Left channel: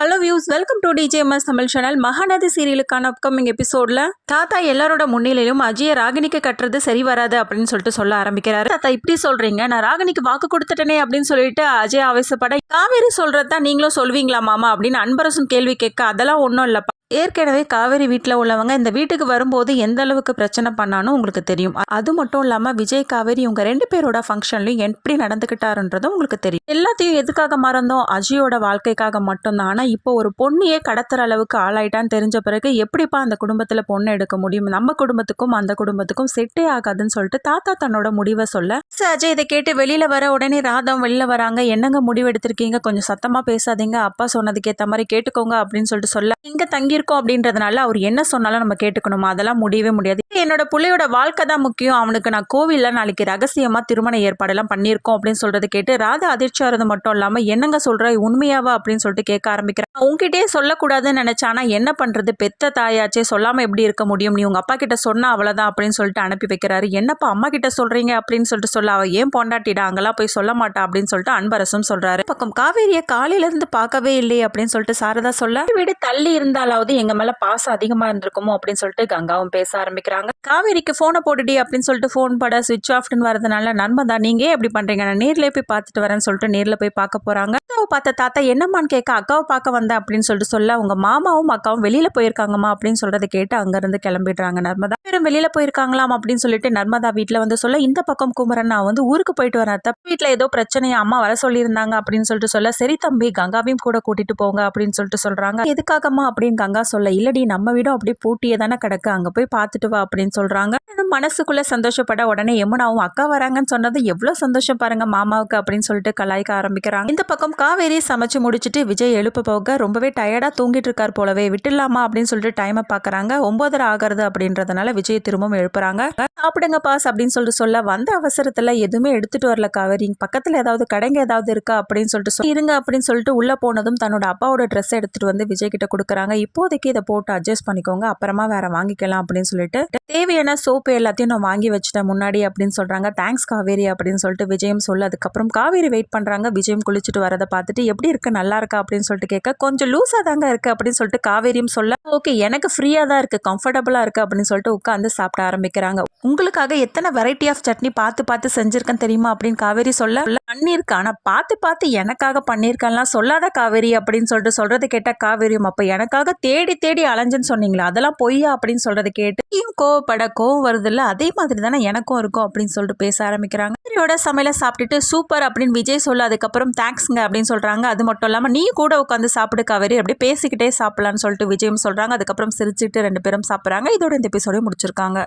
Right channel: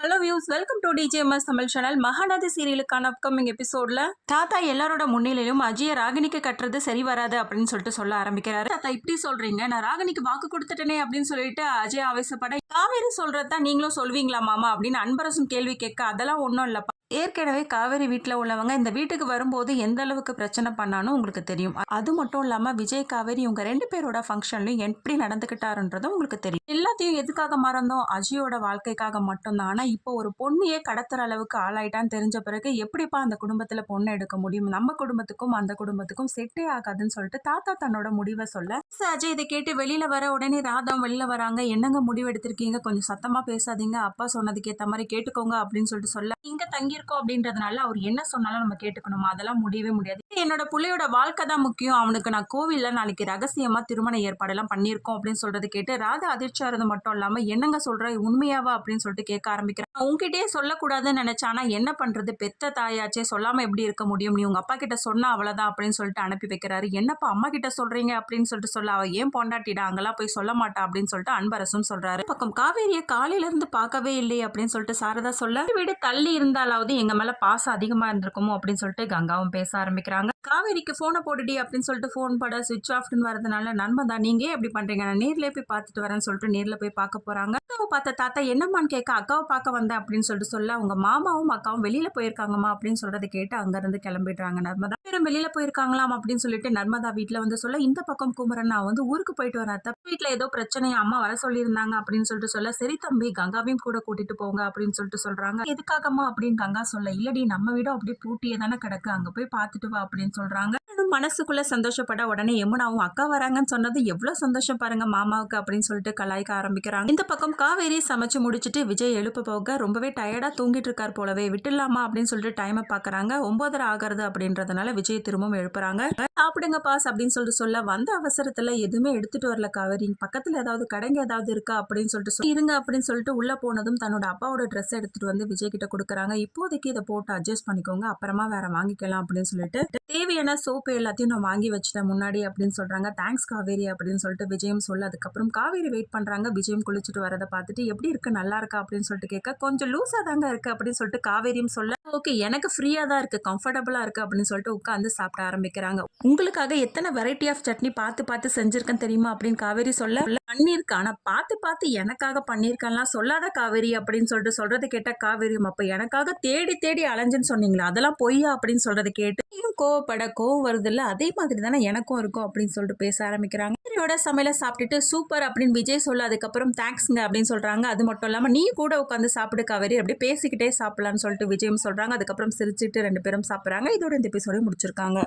Hello views, welcome to DJMS Tamil channel. Mahanadhi சீரியலுக்கான upcoming எபிசோட்ல தாத்தா எல்லாரோட முன்னிலையும் அஜய ராகினிக்கு கட்டுறது சரி வராது அப்படின்னு சொல்லிட்டு சொல்ல ஆரம்பிக்கிறாரு. தாத்தா இப்படி சொல்றீங்க, நான் ராகினிக்கு வாக்கு கொடுத்துட்டேனே அப்படின்னு சொல்லிட்டு அஜய் ஆவேசப்பட, காவேரி சொல்றதா நீங்களும் சொல்வீங்களா மாமா அப்படின்னு அன்பரசும் கேள்வி கேட்க, அதெல்லாம் ஒன்றும் இல்லப்பா. ஏற்கனவே காவேரி வீட்டில் உள்ளவங்க இந்த வீட்டுக்கு வரும்போது எந்த அளவுக்கு பிரச்சனை பண்ணாலும் உங்களுக்கு தெரியும். அது மட்டும் இல்லாமல் விஜய் காவேரி இவங்க 2 பேரோட ஃபங்க்ஷன்லையும் எப்படி நடந்துக்கிட்டாருன்றதும் உங்களுக்கு தெரியும். எல்லாத்தையும் எதுக்காக மறந்தோம்? அஜயோட வாழ்க்கைக்காக மட்டும்தான். ஆனால் இப்போ ஒரு பொண்ணையே கடத்துற அளவுக்கு ஆளாயிட்டான்னு தெரிஞ்ச பிறகு எப்படிப்பா அந்த குடும்பத்தில் பொண்ணு எடுக்க முடியும்? நம்ம குடும்பத்துக்கும் அந்த குடும்பத்துக்கும் செட்டே ஆகாதுன்னு சொல்லிட்டு தாத்தா தன்னோட முடிவை சொல்ல, அஜய் இதை கேட்டு வெளியில வர உடனே ராதம் வெளியில வராங்க. என்னங்க முடிவு எடுத்திருக்கீங்க? கொஞ்சம் சத்தமா பேசாதீங்க, அப்பா சொன்னதுக்கு ஏற்ற மாதிரி கேட்டுக்கோங்க அப்படின்னு சொல்லிட்டு சொல்ல, இங்க தங்கி இருக்கோம் அப்படின்றதுனால அவர் என்ன சொன்னாலும் நம்ம கேட்டுக்கணுமா? அதெல்லாம் முடியவே முடியாது. என்னோட பிள்ளையோட வாழ்க்கை தான் முக்கியம். அவனுக்கு நான் கோவில்ல நாளைக்கு ரகசியமா திருமண ஏற்பாடெல்லாம் பண்ணியிருக்கோம் அப்படின்னு சொல்றது கேட்டு ராதா அதிர்ச்சி ஆறது மட்டும் இல்லாம, என்னங்க சொல்ற, உண்மையாவா அப்படின்னு சொல்லிட்டு கேட்க ஆரம்பிக்கிறேன். உங்ககிட்டயே சொல்லக்கூடாதுன்னு நினைச்சானா என்ன பண்றது? பெத்த தாயாச்சே, சொல்லாம எப்படி இருக்க முடியும்? நீ உங்க அப்பா கிட்ட சொன்னா அவ்வளவுதான் அப்படின்னு சொல்லிட்டு அனுப்பி வைக்கிறாரு. என்னப்பா அம்மா கிட்ட சொல்றீங்க அப்படின்னு சொல்லிட்டு சொல்ல, அவ ஏன் பொண்டாட்டிடா, அங்கெல்லாம் போய் சொல்ல மாட்டா அப்படின்னு சொல்லிட்டு அன்பரசும் சொல்றாரு. பக்கம் காவேரியை காலையில இருந்து பார்க்கவே இல்லையே அப்படின்னு சொல்லிட்டு சாரதா சொல்ல, வீடு தள்ளி இருந்தாலாவது எங்க மேல பாசம் அதிகமா இருந்திருக்குமோ அப்படின்னு சொல்லிட்டு கங்காவும் பேச ஆரம்பிக்கிறாங்க. காவேரிக்கு போனை போட்டுடி அப்படின்னு சொல்லிட்டு போன் பட சுவிட்ச் ஆஃப்னு வரதுனால, நர்மதா நீங்க ஏன் எப்படி பண்றீங்க, நான் நேர்லயே போய் பார்த்துட்டு வரேன்னு சொல்லிட்டு நேர்ல போய் பார்க்க போறாங்க. அக்காவை பார்த்த தாத்தா என்னம்மான்னு கேட்க, அக்காவை பார்க்க வந்தேன் அப்படின்னு சொல்லிட்டு சொல்ல, உங்க மாமாவும் அக்காவும் வெளியில போயிருக்காங்கம்மா அப்படின்னு சொல்றதை கேட்டு அங்க இருந்து கிளம்பிடுறாங்க. நர்மதா பேரும் வெளியில போயிருக்காங்களாம் அப்படின்னு சொல்லிட்டு நர்மதா வீட்டுல வந்து சொல்ல, இந்த பக்கம் குமரன் நான் வந்து ஊருக்கு போயிட்டு வரேன், வீட்டுல ஏதோ பிரச்சனையா அம்மா வர சொல்லியிருந்தாங்க அப்படின்னு சொல்லிட்டு சொல்ல, சரி தம்பி கங்காவையும் கூட கூட்டிட்டு போங்க அப்படின்னு சொல்லிட்டு சொல்றாங்க. எதுக்காகமா அப்படின்னு கங்கா சொல்ல, இல்லடி நம்ம வீடும் அப்படியே பூட்டியே தானே கிடக்கு, அங்க போய் பார்த்துட்டு வா அப்படின்னு சொல்றாங்க. மனசுக்குள்ள சந்தோஷப்பட உடனே யமுனாவும் அக்கா வராங்கன்னு சொன்னது எவ்வளவு சந்தோஷம் பாருங்க மாமாவுக்கு அப்படின்னு சொல்லிட்டு கலாய்க்க ஆரம்பிக்கிறாங்க. இந்த பக்கம் காவேரி சமைச்சு முடிச்சுட்டு விஜய் எழுப்ப போக ரொம்பவே டயர்டா தூங்கிட்டு இருக்கார் போலவே, விட்டுலாமா அப்படின்னு சொல்லிட்டு டைமை பாக்குறாங்க. 9:30 ஆகிறது அப்படின்றதுனால விஜய் திரும்பவும் எழுப்புறாங்க. சாப்பிடுங்க பாஸ் அப்படின்னு சொல்லிட்டு சொல்ல, வந்த அவசரத்துல எதுவுமே எடுத்துட்டு வரல காவேரி, பக்கத்துல ஏதாவது கடைங்க ஏதாவது இருக்கா அப்படின்னு சொல்லிட்டு இருங்க அப்படின்னு சொல்லிட்டு உள்ள போனதும் தன்னோட அப்பாவோட ட்ரெஸ் எடுத்துட்டு வந்து விஜய் கிட்ட கொடுக்குறாங்க. இப்போதைக்கு இதை போட்டு அட்ஜஸ்ட் பண்ணிக்கோங்க, அப்புறமா வேற வாங்கிக்கலாம் அப்படின்னு சொல்லிட்டு தேவையான சோப்பு எல்லாத்தையும் நான் வாங்கி வச்சுட்டேன் முன்னாடி அப்படின்னு சொல்றாங்க. தேங்க்ஸ் காவேரி அப்படின்னு சொல்லிட்டு விஜயம் சொல்ல, அதுக்கப்புறம் காவேரி வெயிட் பண்றாங்க. விஜயம் குளிச்சுட்டு வரதை பார்த்துட்டு எப்படி இருக்கு, நல்லா இருக்கா அப்படின்னு சொல்லிட்டு கேட்க, கொஞ்சம் லூஸா தாங்க இருக்கு அப்படின்னு சொல்லிட்டு காவேரியும் சொல்ல, ஓகே எனக்கு ஃப்ரீயா தான் இருக்கு, கம்ஃபர்டபுளா இருக்கு அப்படின்னு சொல்லிட்டு உட்காந்து சாப்பிட ஆரம்பிக்கிறாங்க. உங்களுக்காக எத்தனை வெரைட்டி ஆஃப் சட்னி பார்த்து பார்த்து செஞ்சிருக்கேன் தெரியுமா அப்படின்னு காவேரி சொல்ல, பண்ணிருக்கா ஆனா பார்த்து பார்த்து எனக்காக பண்ணிருக்கலாம் சொல்லாத காவேரி அப்படின்னு சொல்லிட்டு சொல்றது கேட்ட காவேரியும், அப்ப எனக்காக தேடி தேடி அலைஞ்சுன்னு சொன்னீங்களா, அதெல்லாம் பொய்யா அப்படின்னு சொல்றது கேட்டு கோவப்பட, கோவம் வருது இல்ல, அதே மாதிரி தானே எனக்கும் இருக்கும் அப்படின்னு சொல்லிட்டு பேச ஆரம்பிக்கிறாங்க. காவேரியோட சமையலை சாப்பிட்டுட்டு சூப்பர் அப்படின்னு விஜய் சொல்ல, அதுக்கப்புறம் தேங்க்ஸ்ங்க அப்படின்னு சொல்றாங்க. அது மட்டும் இல்லாம நீ கூட உட்காந்து சாப்பிடு காவேரி, அப்படியே பேசிக்கிட்டே சாப்பிடலான்னு சொல்லிட்டு விஜயம் சொல்றாங்க. அதுக்கப்புறம் சிரிச்சுட்டு 2 பேரும் சாப்பிட்றாங்க. இதோட இந்த எபிசோட முடிச்சிருக்காங்க.